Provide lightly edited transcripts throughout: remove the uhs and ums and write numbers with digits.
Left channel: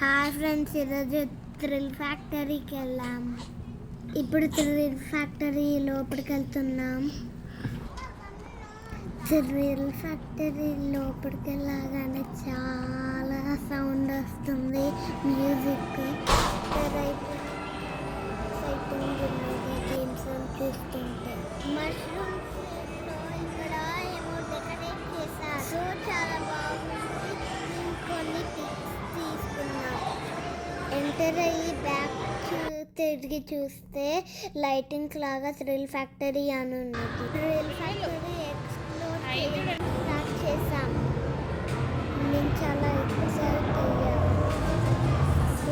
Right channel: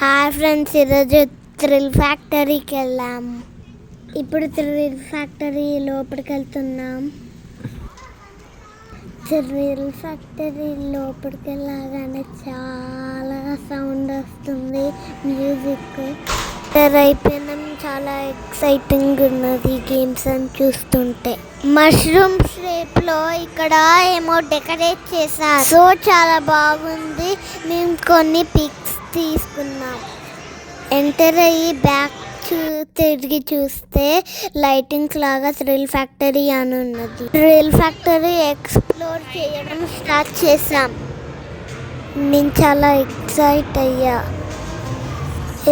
Hi friends, ఈరోజు థ్రిల్ ఫ్యాక్టరీకి వెళ్ళాము. ఇప్పుడు థ్రిల్ ఫ్యాక్టరీ లోపలికి వెళ్తున్నాం. థ్రిల్ ఫ్యాక్టరీ లోపలికి వెళ్ళగానే చాలా సౌండ్ వస్తుంది, మ్యూజిక్ అయిపోయినాం. చాలా ఎక్సైటింగ్ ఉన్నది గేమ్స్ అని చూస్తుంటే. మష్రూమ్ షేప్ లో ఇక్కడ ఏమో డెకరేట్ చేశారు, సో చాలా బాగుంది. మేము కొన్ని పిక్స్ తీసుకున్నాం. ఎంటర్ అయ్యి బ్యాక్ తిరిగి చూస్తే లైటింగ్స్ లాగా థ్రిల్ ఫ్యాక్టరీ అని ఉన్నది. థ్రిల్ ఫ్యాక్టరీ ఎక్స్ప్లోర్ చేయడం స్టార్ట్ చేసాం. నేను చాలా ఎక్సైట్ అయ్యా.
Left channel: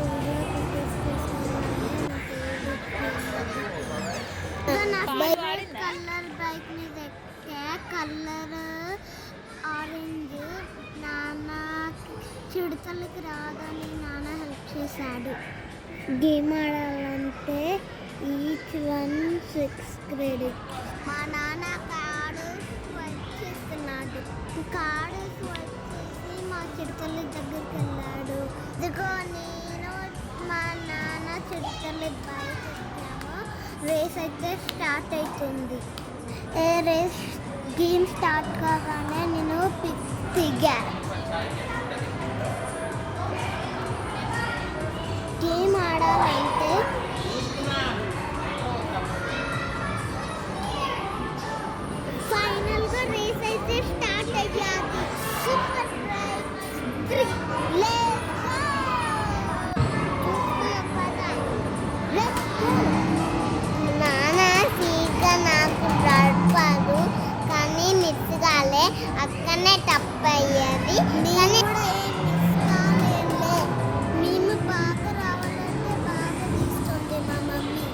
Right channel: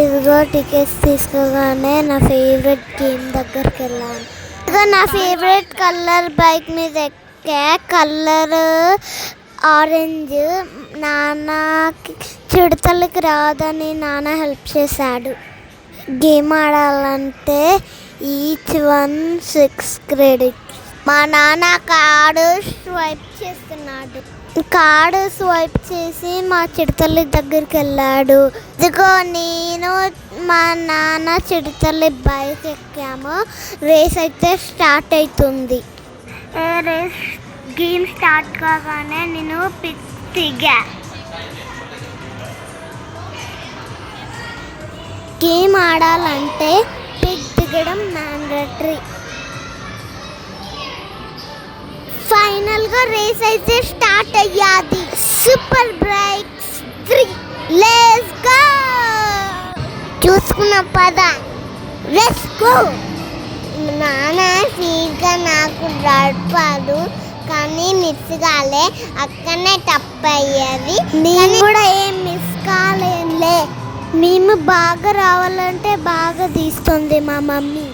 ఇదిగో టికెట్స్ తీసుకోగానే నా ఫేవరెట్ గేమ్ దగ్గరికి వెళ్ళాను. ఇదిగో నా ఫేవరెట్ కలర్ బైక్ మీద ఎక్కా. Colour orange. నాన్నకి చిడతలకి రాదని నాన్న హెల్ప్ చేశాడు. గేమ్ ఆడాలంటే ఈచ్ 1 6 క్రెడిట్. మా నాన్న కార్డు స్వైప్ చేస్తున్నాడు. కార్డు స్వైప్ చేసి మా చిడతల్లి దగ్గరికి వెళ్ళాడు. ఇదిగో నేను మా నాన్న చిడతల్లి బైక్ ఎక్కాము. రేస్ అయితే స్టార్ట్ అవుతుంది. రేస్ గేమ్ స్టార్ట్ కాగానే నేను దిగా. గేమ్ ఆడాలంటే పిక్ దిగడం మ్యాండేటరీ. ఫైనల్గా రేస్ అయితే స్టార్ట్ అయ్యాది. Super breaks 3. Let's go. చూసుకున్న పద, లెట్స్ గో. నాన్న సీట్గా నాకు నడపాడు, కానీ మిస్ కాలే. అక్కడనే తప్పయ్యేది. నేను కూడా ఏం మిస్ కాలేదులే. మేము బాగా రావాలంటే బాగా తీస్తుంది మా మమ్మీ.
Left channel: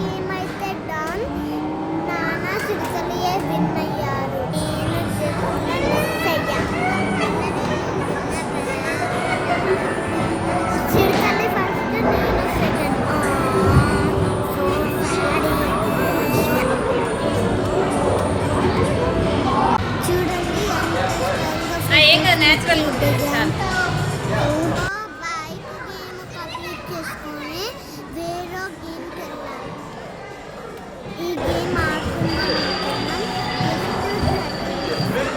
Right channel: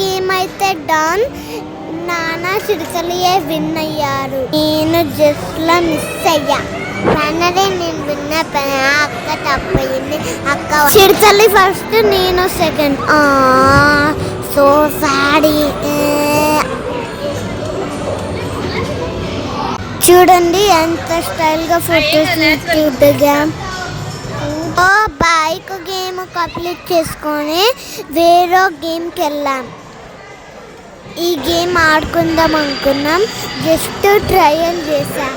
గేమ్ అయితే డన్. నాన్న చిడతలియే విన్ అయ్యారు. నేను జస్ట్లో మిస్ అయ్యా. నాన్నదే నేను విన్న. అక్క తప్పయింది. అక్క చిడతల్లి ఫస్ట్, నేను సెకండ్. సో సాడీ. చూడండి ఎంత స్టైల్గా ఫోటోస్ దిగాం. బైక్ గేమ్ కంప్లీట్ చేసుకొని వేరే గేమ్కి వెళ్ళాం. ఈ గేమ్ ఆడుకుందాం అనుకున్నాం, జస్ట్ ట్రయల్ చేశాం.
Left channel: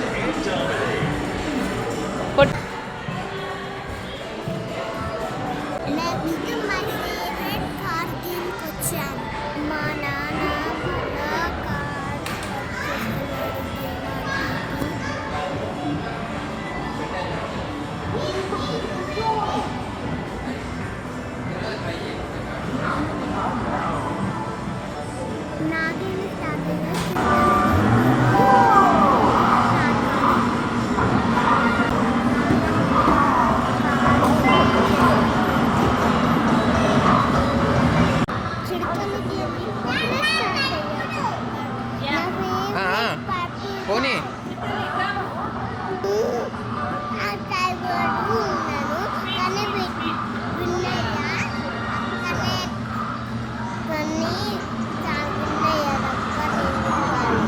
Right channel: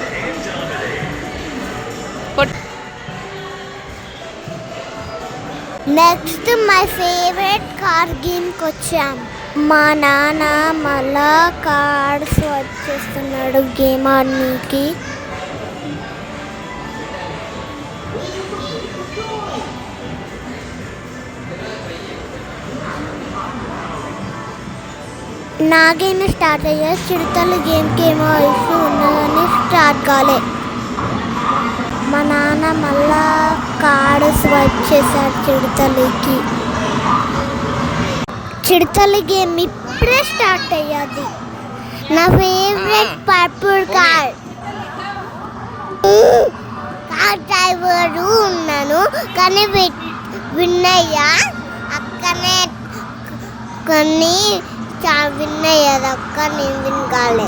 నెక్స్ట్ మై ఫేవరెట్ కార్ గేమ్కి వచ్చాం. మా నాన్న మళ్ళా కార్డ్ స్వాప్ చేస్తున్నాడు గేమ్ ఆడడానికి. నా గేమ్ స్టార్ట్ అయ్యా. చిడతల గేమ్కి ఏమో ఇష్యూ ఉన్నదని స్టార్ట్ కాలే. మా నాన్న మళ్ళా కార్డు స్వైప్ చేశాడు చిడతలకి. చిడతల గేమ్ ఇప్పుడే స్టార్ట్ అయ్యాది. నా favourite purple car. Car driver ఉన్నాను, కానీ విన్ అయ్యా. అక్కనే కొన్ని చాలా విన్ అయ్యారు. అక్క నేను విన్ కాలే.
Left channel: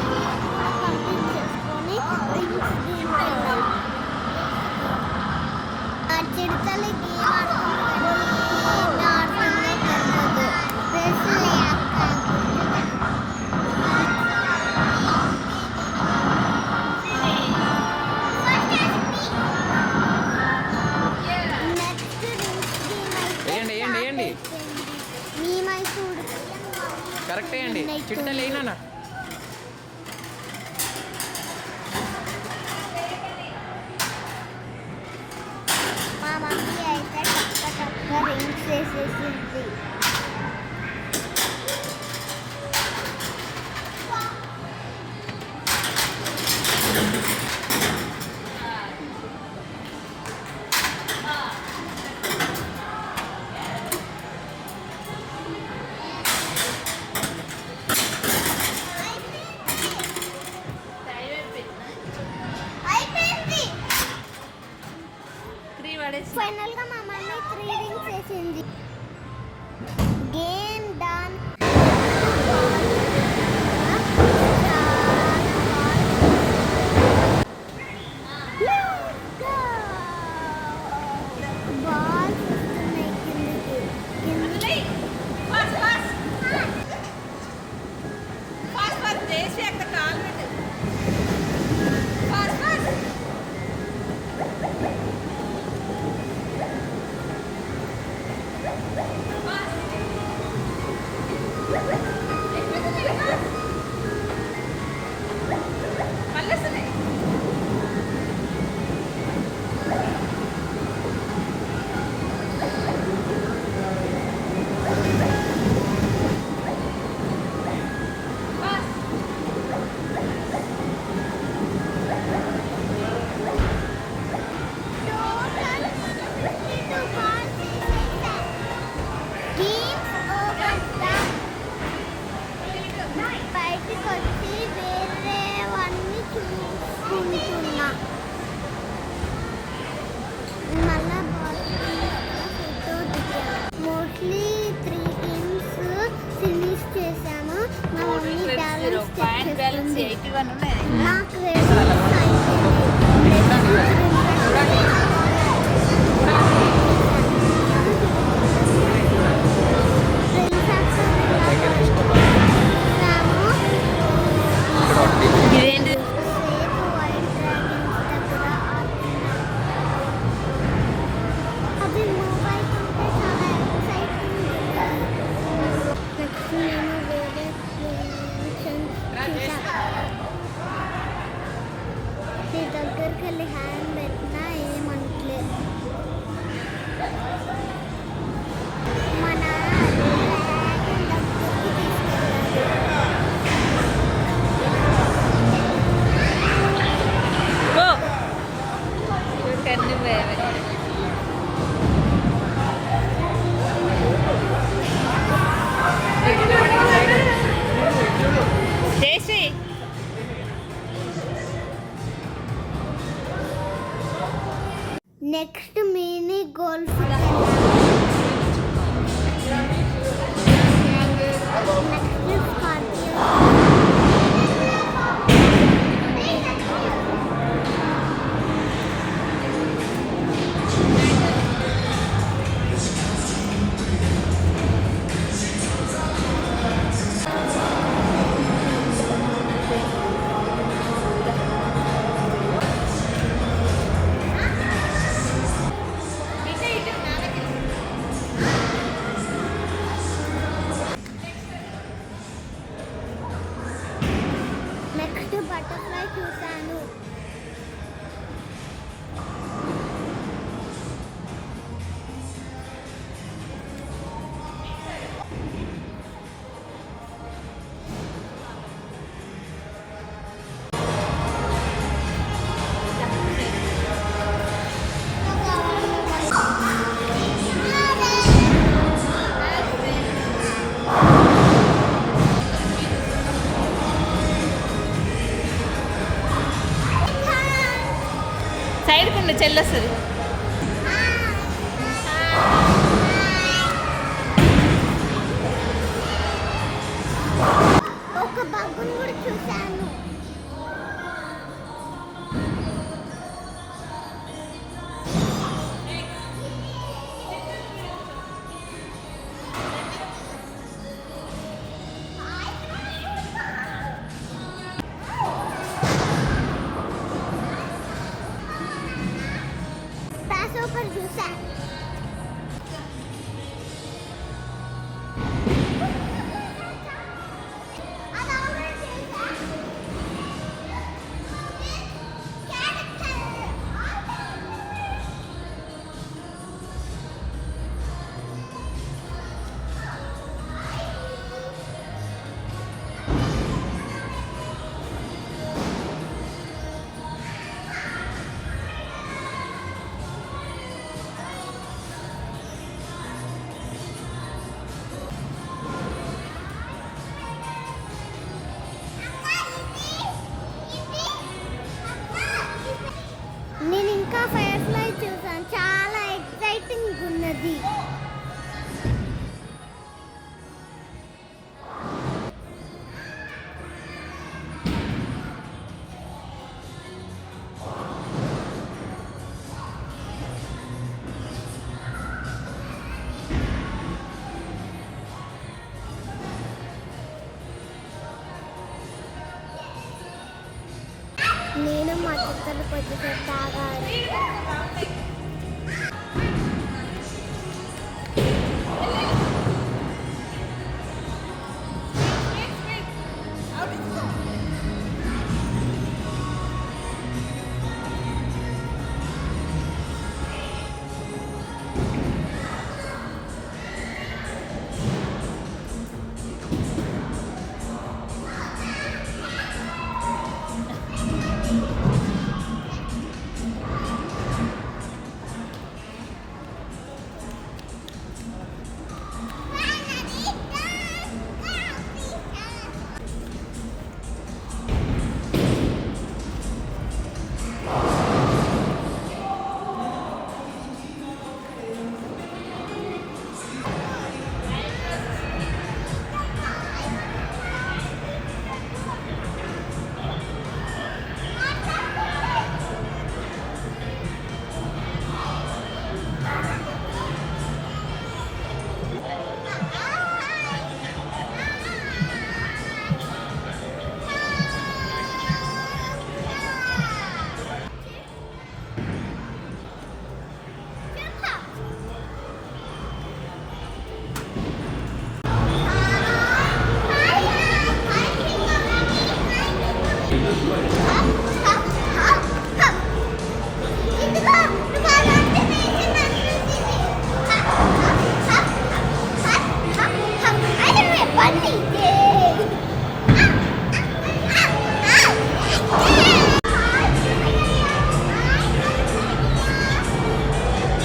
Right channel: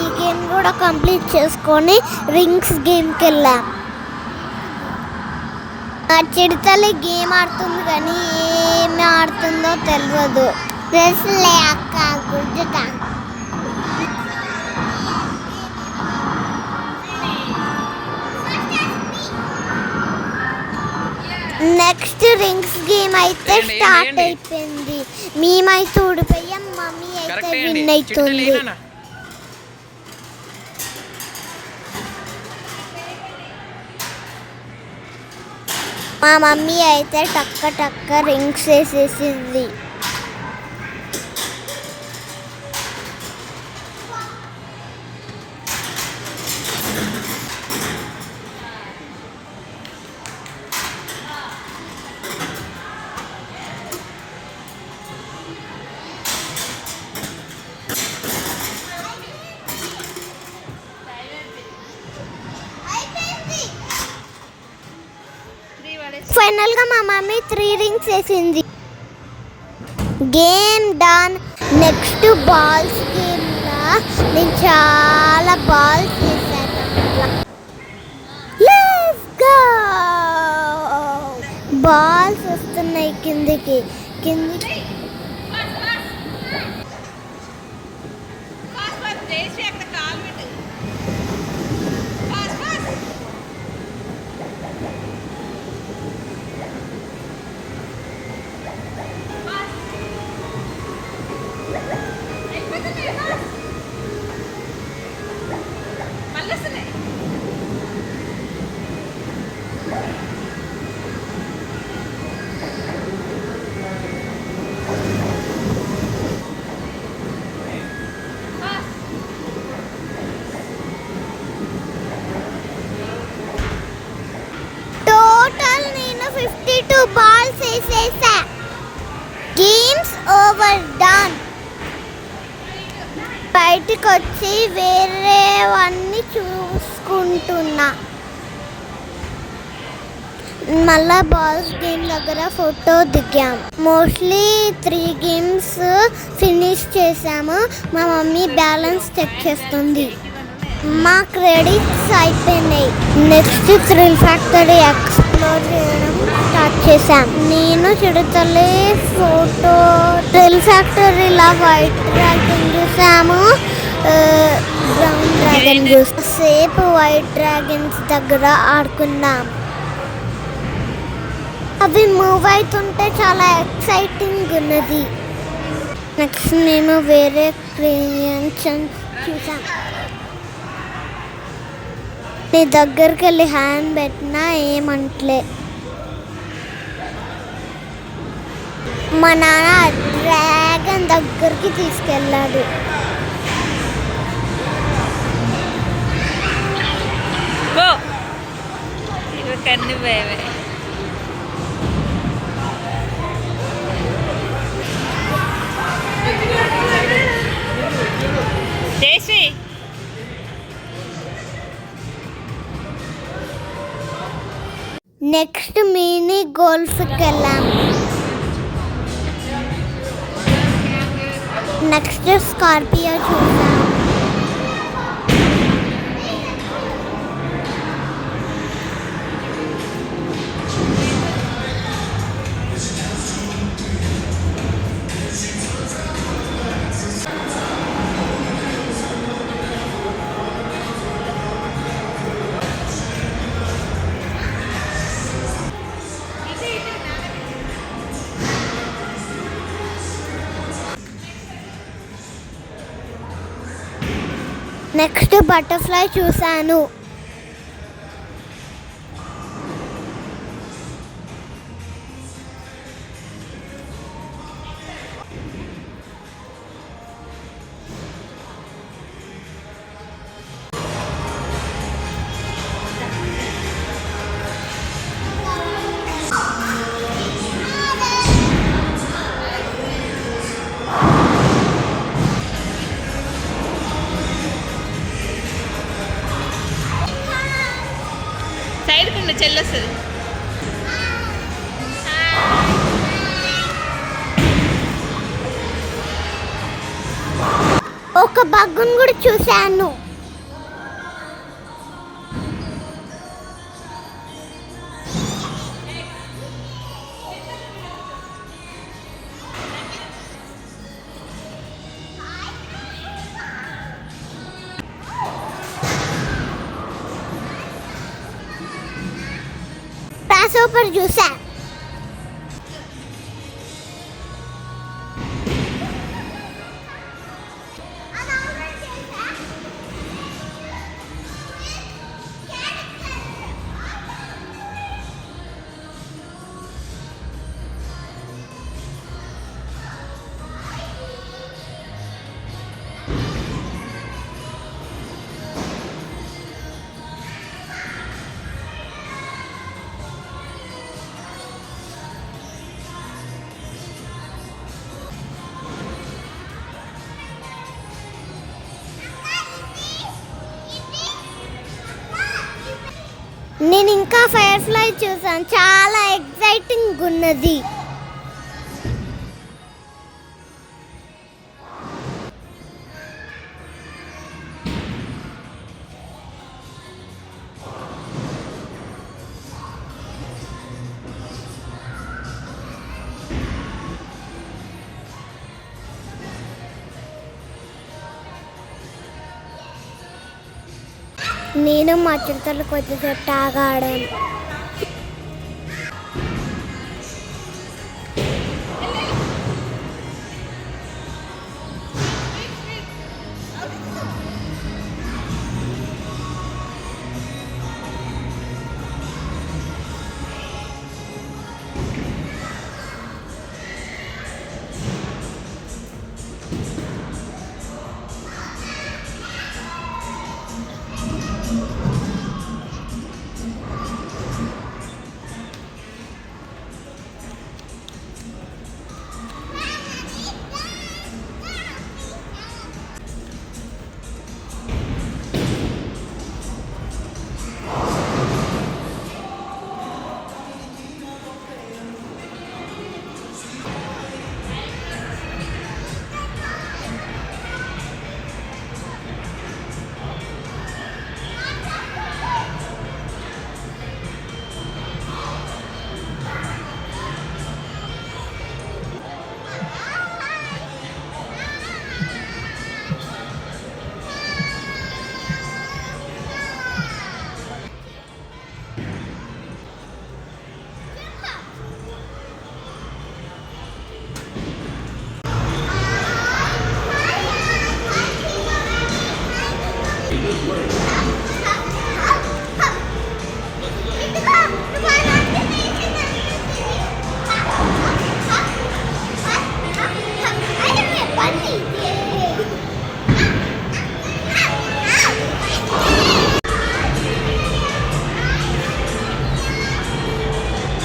ఈ గేమ్ కూడా కంప్లీట్ చేసుకొని రింగ్స్ గేమ్కి వెళ్ళా. ఆ చిడతలి గేమ్ ఆడుతుంది, కానీ ఏమి ఆడుతుందో తెలియదు. డ్రెస్లే అక్క గుర్తుగా. నెక్స్ట్ రింగ్స్ గేమ్ అయితే స్టార్ట్ అయిపోయింది. మేమైతే ఊడిపోయాం, మమ్మీ అయితే విన్ అవుతుంది. మా మమ్మీ అయితే టక్క టక్క రింగ్స్ వేసేసింది. ఫైనల్ గా మా మమ్మీ 3 రింగ్స్ వేసింది. Game done. నెక్స్ట్ బాల్స్ నేను చాలా బాల్స్ వేసాను. Let's go. బాల్స్ వస్తున్నాయి కిందికి. టోటల్ నేను 52 బాల్స్ వేసేసా. Games over done. బయటికి వచ్చి వేరేవన్నీ చూసుకుంటున్నా. మళ్ళా బాల్స్ గేమ్ దగ్గర ఫోటో దిగాం. మోస్ట్లీ 3 గేమ్స్ ఫినిష్ చేసాము. మా మమ్మీ బ్యాలెన్స్ చెక్ చేస్తుంది. మా క్రెడిట్స్ అయిపోయినాయి. నెక్స్ట్ థ్రిల్ ఫ్యాక్టరీ ఎక్స్ప్లోర్ చేయడం స్టార్ట్ చేశాం. నేను చిడతలే ఫోటో థ్రిల్ ఫ్యాక్టరీలా వైట్ డ్రాగన్ చూసాము. సేపు వైట్ డ్రాగన్స్ దగ్గర ఆడుకున్నాం. అవి మూవ్ అవుతుంటే చాలా ఎక్సైటింగ్ ఉన్నది. నెక్స్ట్ మేము వేరే క్రియేషన్స్ చూసాం. నీ దగ్గరికి వెళ్ళి హ్యాండ్ పెట్టినా ఏమంటలే. మా నాన్న డ్రాగన్ దగ్గరికి తీసుకెళ్ళాడు. కన్ను బేబే చేసి నెక్స్ట్ మినీ గోల్ఫ్కి వెళ్ళాం. నెక్స్ట్ స్కార్పియో చూసాం. నెక్స్ట్ బటర్ఫ్లై చూశాను. చెల్లొస్తుంది. ఒక బగ్గును కూడా చూశాను. గ్రాస్ హోపర్ చూసా. నేను ఇంకా ఫైర్ ఫ్లై చూసాను, చాలా ఎక్సైటింగ్ ఉన్నది. నేను మా చిరుతలు కొద్దిసేపు ఆడాను.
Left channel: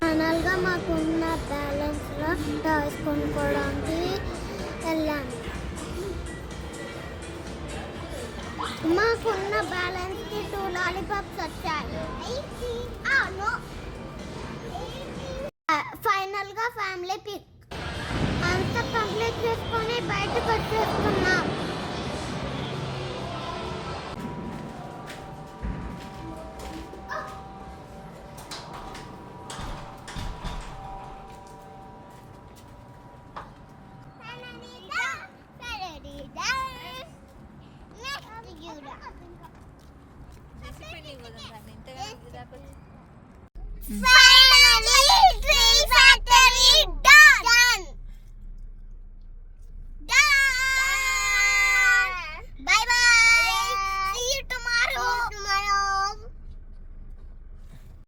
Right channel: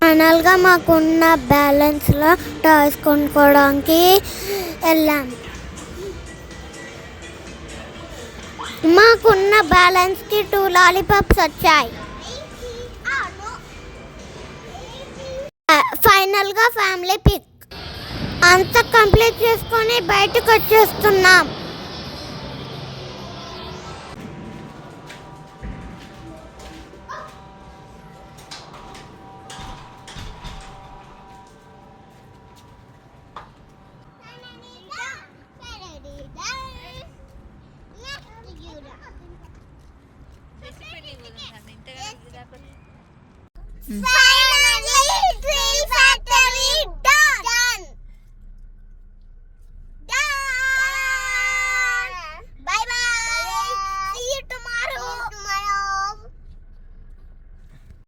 ఫైనల్గా మాకున్న బ్యాలెన్స్లో టాయ్స్ కొనుక్కోవడానికి వెళ్ళాను. మాకున్న బ్యాలెన్స్కి 2 లాలీపాప్స్ వచ్చాయి. ఫైనల్గా ఫ్యామిలీ పిక్ అంతా కంప్లీట్ చేసుకొని బయటకు వచ్చేస్తున్నాం. Bye.